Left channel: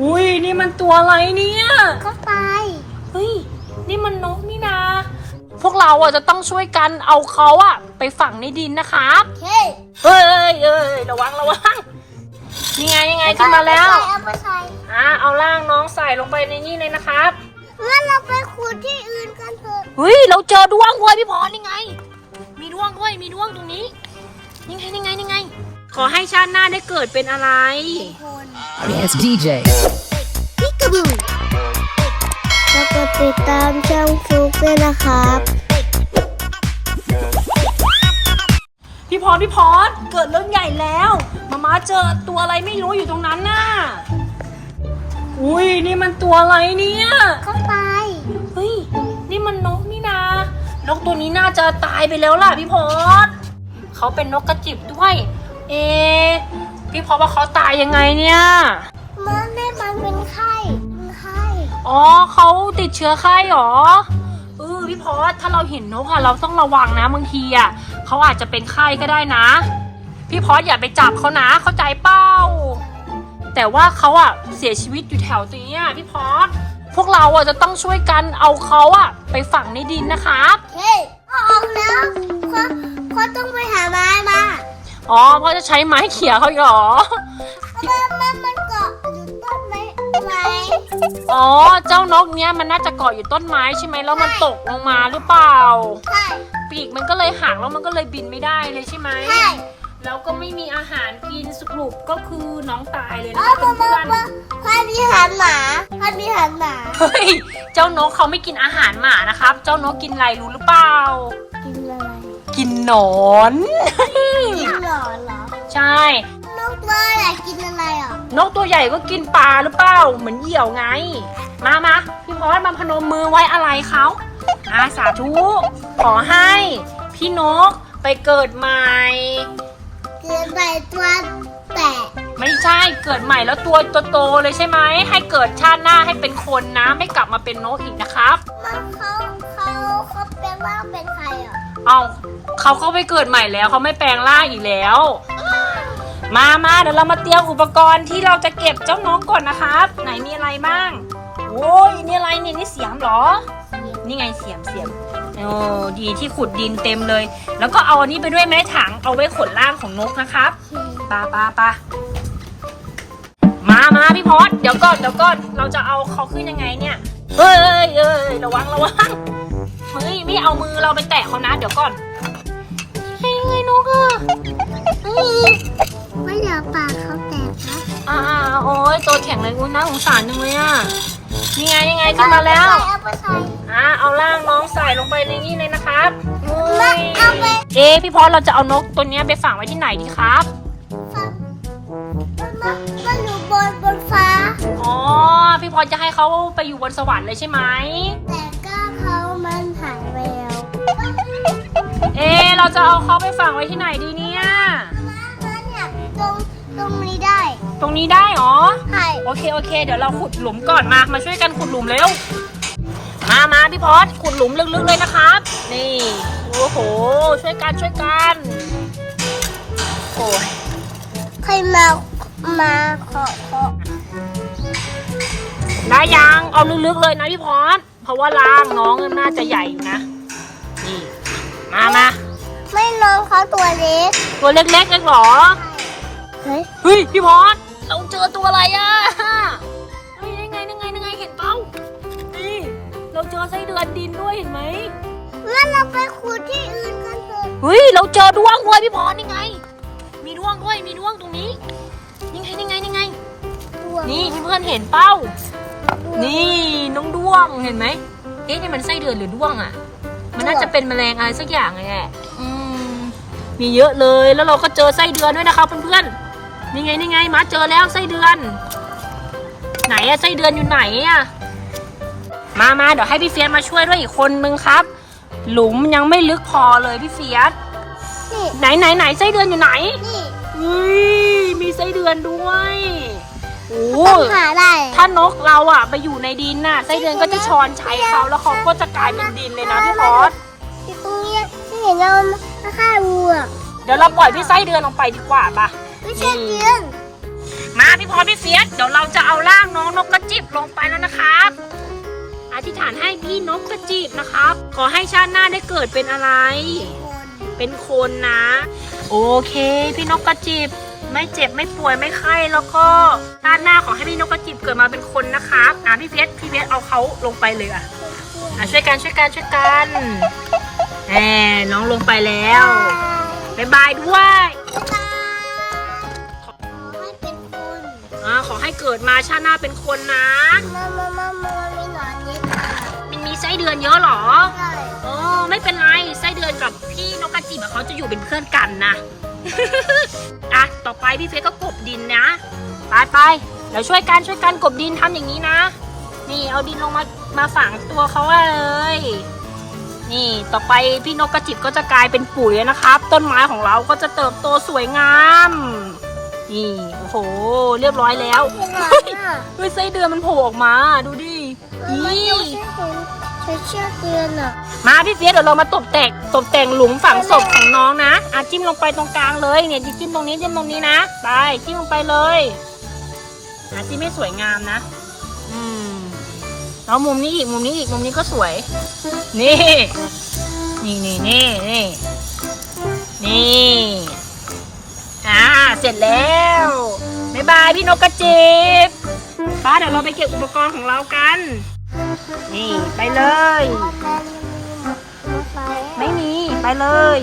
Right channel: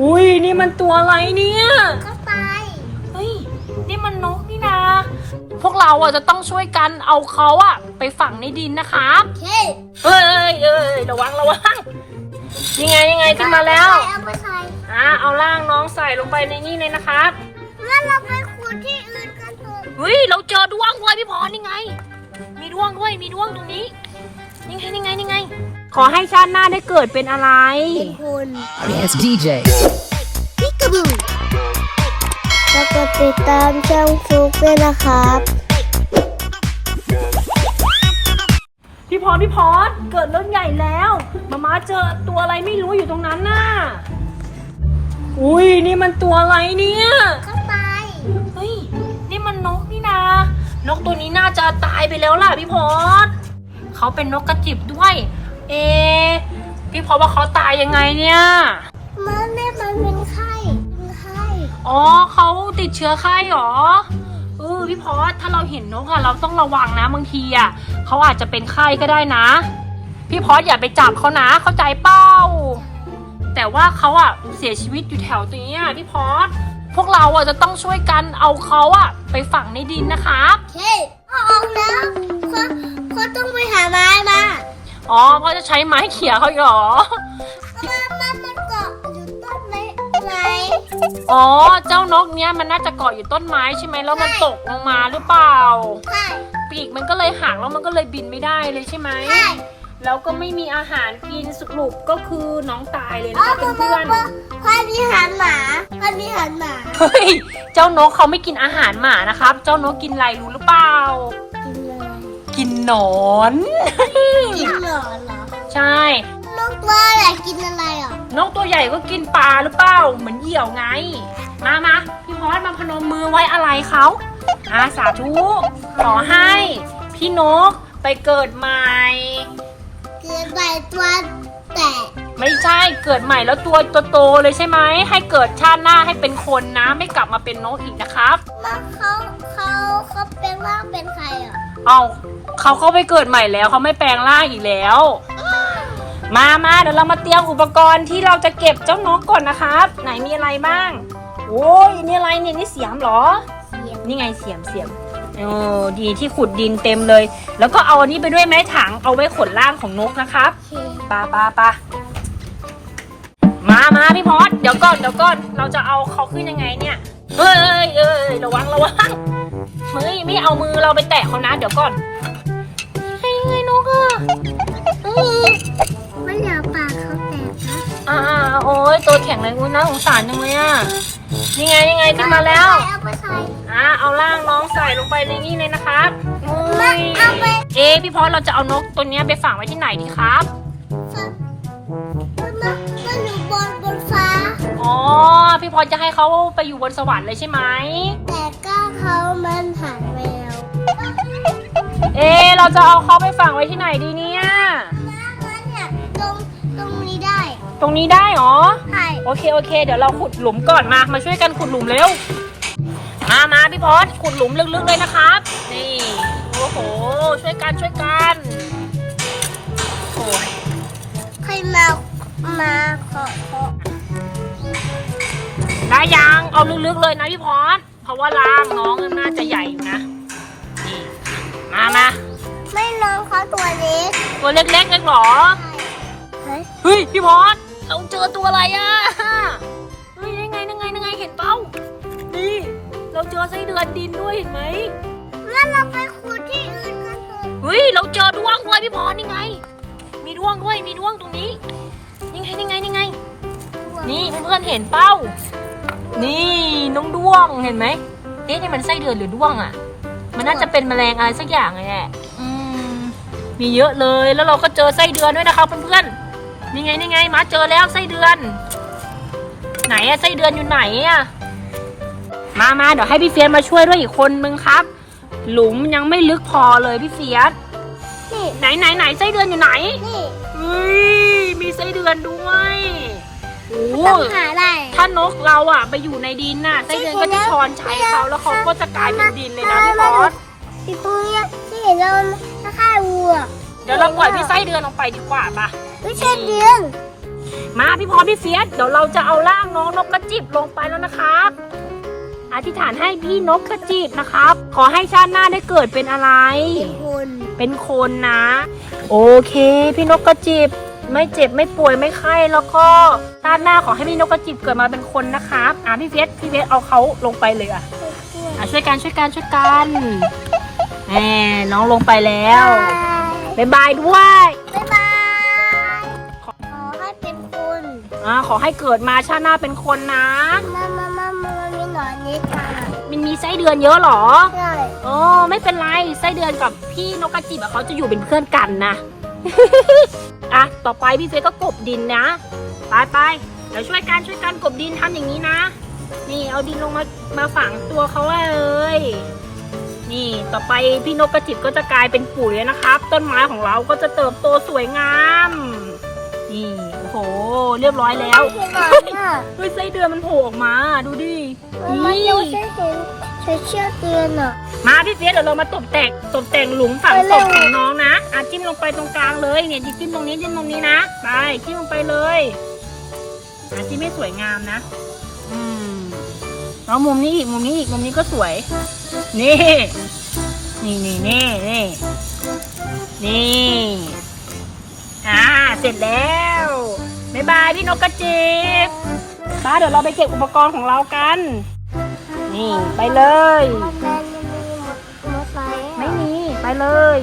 อุ้ยนี่มันตัวอะไรเนี่ยก็ไปเฮ้ยนี่มันนกนี่นะ พวกเราอะจะต้องช่วยกันเอาเขาอะ ไปฝังในดินนะครับเฮ้ยเอ้ยเอ้ยระวังระวังนี่ไงนี่ไงขึ้นมาแล้วเอาไปใส่อะเอาล่างน้องใส่ลงไปในนี่เลยนะครับงั้นเราไปขุดที่อื่นกันเถอะเฮ้ยเราเจอดวงด้วยพี่พรนี่ไง มีดวงด้วยมีดวงตรงนี้นี่ไงนี่ไงนี่ไง ขอให้ชาติหน้าได้เกิดเป็นอะไร เป็นคน Yes, DJ. พิกาบูแล้วก็ติดตามช่องฟลุกด้วยนะครับ พี่พรพี่พรเกิดเรื่องใหญ่แล้วมาม่าเจอตัวอะไรไม่รู้อยู่ตรงนั้นน่ะอุ้ยนี่มันตัวอะไรเนี่ยก็ไป เฮ้ยนี่มันนกนี่นะนกตัวนี้น่าจะตายไปแล้วล่ะพี่พรเขาเป็นนกกระจิบด้วย เอะพี่พรว่าเขาตายยังไงเนี่ย มันไม่มันเป็นไข้เป็นไข้อ๋อเขาติดเชื้อไข้หรอเออพี่พอสถ้าเราเห็นนกอะเราต้องระวังนะบางทีอะเขาอาจจะเป็นไข้ก็ได้นะ พี่พอสอย่าไปจับเขานะ เข้าใจเป้า แต่ว่าเขาอะเสียชีวิตอยู่แถวตรงเนี้ยพี่พอสพวกเราอะจะต้องช่วยกันเอาเขาอะไปฝังในดินนะครับ เฮ้ยเอาออกแล้วก็ก็ต้องไปหาไม้มา อ๋อเพราะจะใช้ไม้เขี่ยเขาอีกเหรอมันมันมันเกาะอยู่ต้นไม้ไหนอ๋อ เจ้านกเนี้ยมันน่าจะเกาะอยู่ต้นไม้ใช่ไหมแล้วมันตกลงมาหรือเปล่า ใช่ปีกมันก็เลยห่างแล้วมันก็เลยบินไม่ได้เลยใช่ไหม ใช่แล้วก็ไม่มีอาหารกินสุกรุปก็คือน้องตายเลยอ๋นะอคะเพื่อนพอดีหันหมาพอดีหันหมาๆเฮ้ย เจ้านกเขาไม่กินอาหารหมานะครับ เจ้านกกินอะไรรู้หรือเปล่ากินอะไรกิน หนอน กินหนอนเหรอใช่ นกเลยอะกินอะไรอะนกตัวใหญ่ก็กินปลาหรือเปล่า เหมือนเหยี่ยวไง มามาพี่พอสมาพนมมือไว้อะไรเขาอาสาธุขอให้ พี่นกไปเกิดใหม่เกิดใบตัวแตะ ไม่ใช่เกิดใหม่แล้วตัวโตๆเลยใช่ไหมให้เกิดชาติหน้าให้เป็นคนนะ ไม่กลับมาเป็นนกอีกนะครับมันเขาเขาเขาเป็นว่าเป็นใครอะเอาเขาก็ไปเกิดใหม่แล้วเขาไม่แปลงร่างอีกแล้ว มามาเดี๋ยวเรามาเตรียมอุปกรณ์ที่เราจะเก็บเจ้านกก่อนนะครับ ไหนมีอะไรบ้างโอ้ยนี่อะไรเนี่ยนี่เสียมเหรอ นี่ไงเสียมเสียมโอ้ดีที่ขุดดินเต็มเลย แล้วก็เอาอันนี้ไปด้วยไหมถังเอาไว้ขนล่างของนกนะครับปาปาปา มามาพี่พอดเดี๋ยวก่อนเดี๋ยวก่อนเราจะเอาเขาขึ้นยังไงเนี่ยเฮ้ยเอ้ยเอ้ยระวังระวังเฮ้ยไม่เอามือเราไปแตะเขานะ เดี๋ยวก่อนเฮ้ยไงนกอะไม่อยากปากเขาแตกนะอ่าโอ้ยตัวแข็งเลยอุ้ยน่าสงสารจังเลยอะนี่ไงนี่ไงขึ้นมาแล้วเอาไปใส่อ่าเอาล่างน้องใส่ลงไปในนี่เลยนะครับโอ้ยเอ๊พี่พอดเราจะเอานกตัวนี้ไปฝังไว้ที่ไหนดีครับ มันมามันอยู่บนบนฟ้า อ๋อ พี่พอจะให้เขาไปอยู่บนสวรรค์เลยใช่ไหม แต่ก็เขามันหายไปแล้วเอะเราจะเอาเขาไปฝังไว้ที่ไหนดีเนี่ยงั้นเนี่ยตรงตรงนี้ได้ตรงนี้ได้เหรอ ใช่โอเคโอเค เดี๋ยวเราขุดหลุมก่อนมา มาช่วยกันขุดหลุมเร็ว มามาพี่พอดขุดหลุมลึกๆเลยนะครับ นี่ โอ้โห ช่วยกันช่วยกัน โอ้ยใครมา มาขอขอแล้วยังเอาลึกๆเลยนะพี่พอดเพราะว่าล่างน้องน่าจะใหญ่นะนี่มามาไม่น้องเขาตัวเล็กตัวเล็กๆเองเหรอเฮ้ยเฮ้ยพี่พอสเราเจอตัวอะไรอะเฮ้ยยังไงยังไงยังไงเห็นเปล่านี่เราเจอไส้เดือนดินด้วยเห็นไหมงั้นเราไปขุดที่อื่นกันเถอะเฮ้ยเราเจอดวงด้วยพี่พอสนี่ไง มีดวงด้วยมีดวงตรงนี้ นี่ไงนี่ไงนี่ไง นี่เพื่อนๆเห็นเป้า นี่น้องดวงเห็นไหมเอ๊ะนี่มันไส้เดือนหรือดวงอะ มันน่าจะเป็นแมลงอะไรสักอย่างเลยแหละอืมมีเยอะเลยแล้วเราก็เจอไส้เดือนด้วยนะคะเพื่อนๆนี่ไงนี่ไงมาเจอแล้วไส้เดือน ไหนอะไส้เดือนอยู่ไหนอะมามาเดี๋ยวให้พี่เฟียสมาช่วยด้วยอีกคนนึงครับ หลุมยังไม่ลึกพอเลยพี่เฟียสนี่ไหนไหนไหนไส้เดือนอยู่ไหนนี่เฮ้ย มีไส้เดือนด้วยโอ้ต้องหาได้ถ้านกเราอะไปอยู่ในดินน่ะไส้เดือนก็จะช้อนใช้เขาแล้วเขาก็จะกลายเป็นดินเลยนะพี่พอสที่ตรงนี้ที่เห็นเราถ้าฆ่าวัวเดี๋ยวเราปล่อยพี่ไส้เดือนลงไปดีกว่าปะไม่ใช่เดือนมาพี่พรพี่เฟียสเดี๋ยวเราจะเอาร่างน้องนกกระจิบลงไปแล้วนะครับอธิษฐานให้พี่นกกระจิบนะครับ ขอให้ชาติหน้าได้เกิดเป็นอะไร เป็นคน เป็นคนนะ โอเค พี่นกกระจิบ ไม่เจ็บไม่ป่วยไม่ไข้แล้วก็ชาติหน้าขอให้พี่นกกระจิบเกิดมาเป็นคนนะครับอะพี่เฟียสพี่เฟียสเอาเขาลงไปเลยอะอะช่วยกันช่วยกันช่วยกันแหมน้องลงไปแล้วบ๊ายบายด้วยบ๊ายบายขอให้เป็นคนอ่าขอให้เกิดมาชาติหน้าเป็นคนนะมามามามามีหนอนนิดมันมีไส้เดือนเยอะเหรอใช่เออไม่เป็นไรไส้เดือนกับพี่นกกระจิบอะเขาจะอยู่เป็นเพื่อนกันนะ อะ ต่อไปพี่เฟยก็กบดินนะ ไปไปเดี๋ยวช่วยกันช่วยกันกบดินทำอย่างนี้นะ นี่เอาดินลงมามาฝังตัวเขาไว้เลย นี่ต่อไปพี่นกกระจิบก็จะกลายเป็นปุ๋ยนะครับ ต้นไม้ของเราก็จะเติบโตสวยงาม นี่โอ้โห เรียบร้อยแล้วเฮ้ยไส้เดือนมันโผล่ออกมาดูดิอี เชือกเตือนอะมาพี่เฟียสเดี๋ยวเรามาตบแต่งตบแต่งหลุมฝังศพของน้องนะอะจิ้มลงไปตรงกลางเลยเนี่ยจิ้มตรงนี้จิ้มตรงนี้นะไปจิ้มลงไปเลยอะจิ้มให้สวยงามนะ อืมแล้วมุมนี้อีกมุมนี้อีกมุมนี้ก็สวย นี่ นี่นี่นี่นี่นี่อ่าเสร็จแล้วบ๊ายบายพี่นกกระจิบป้าเดี๋ยวเราไปเก็บอุปกรณ์ของเรากัน นี่ไปเลยมอเตอร์ยังมีมอเตอร์ไซค์ไม่มี ไปเลย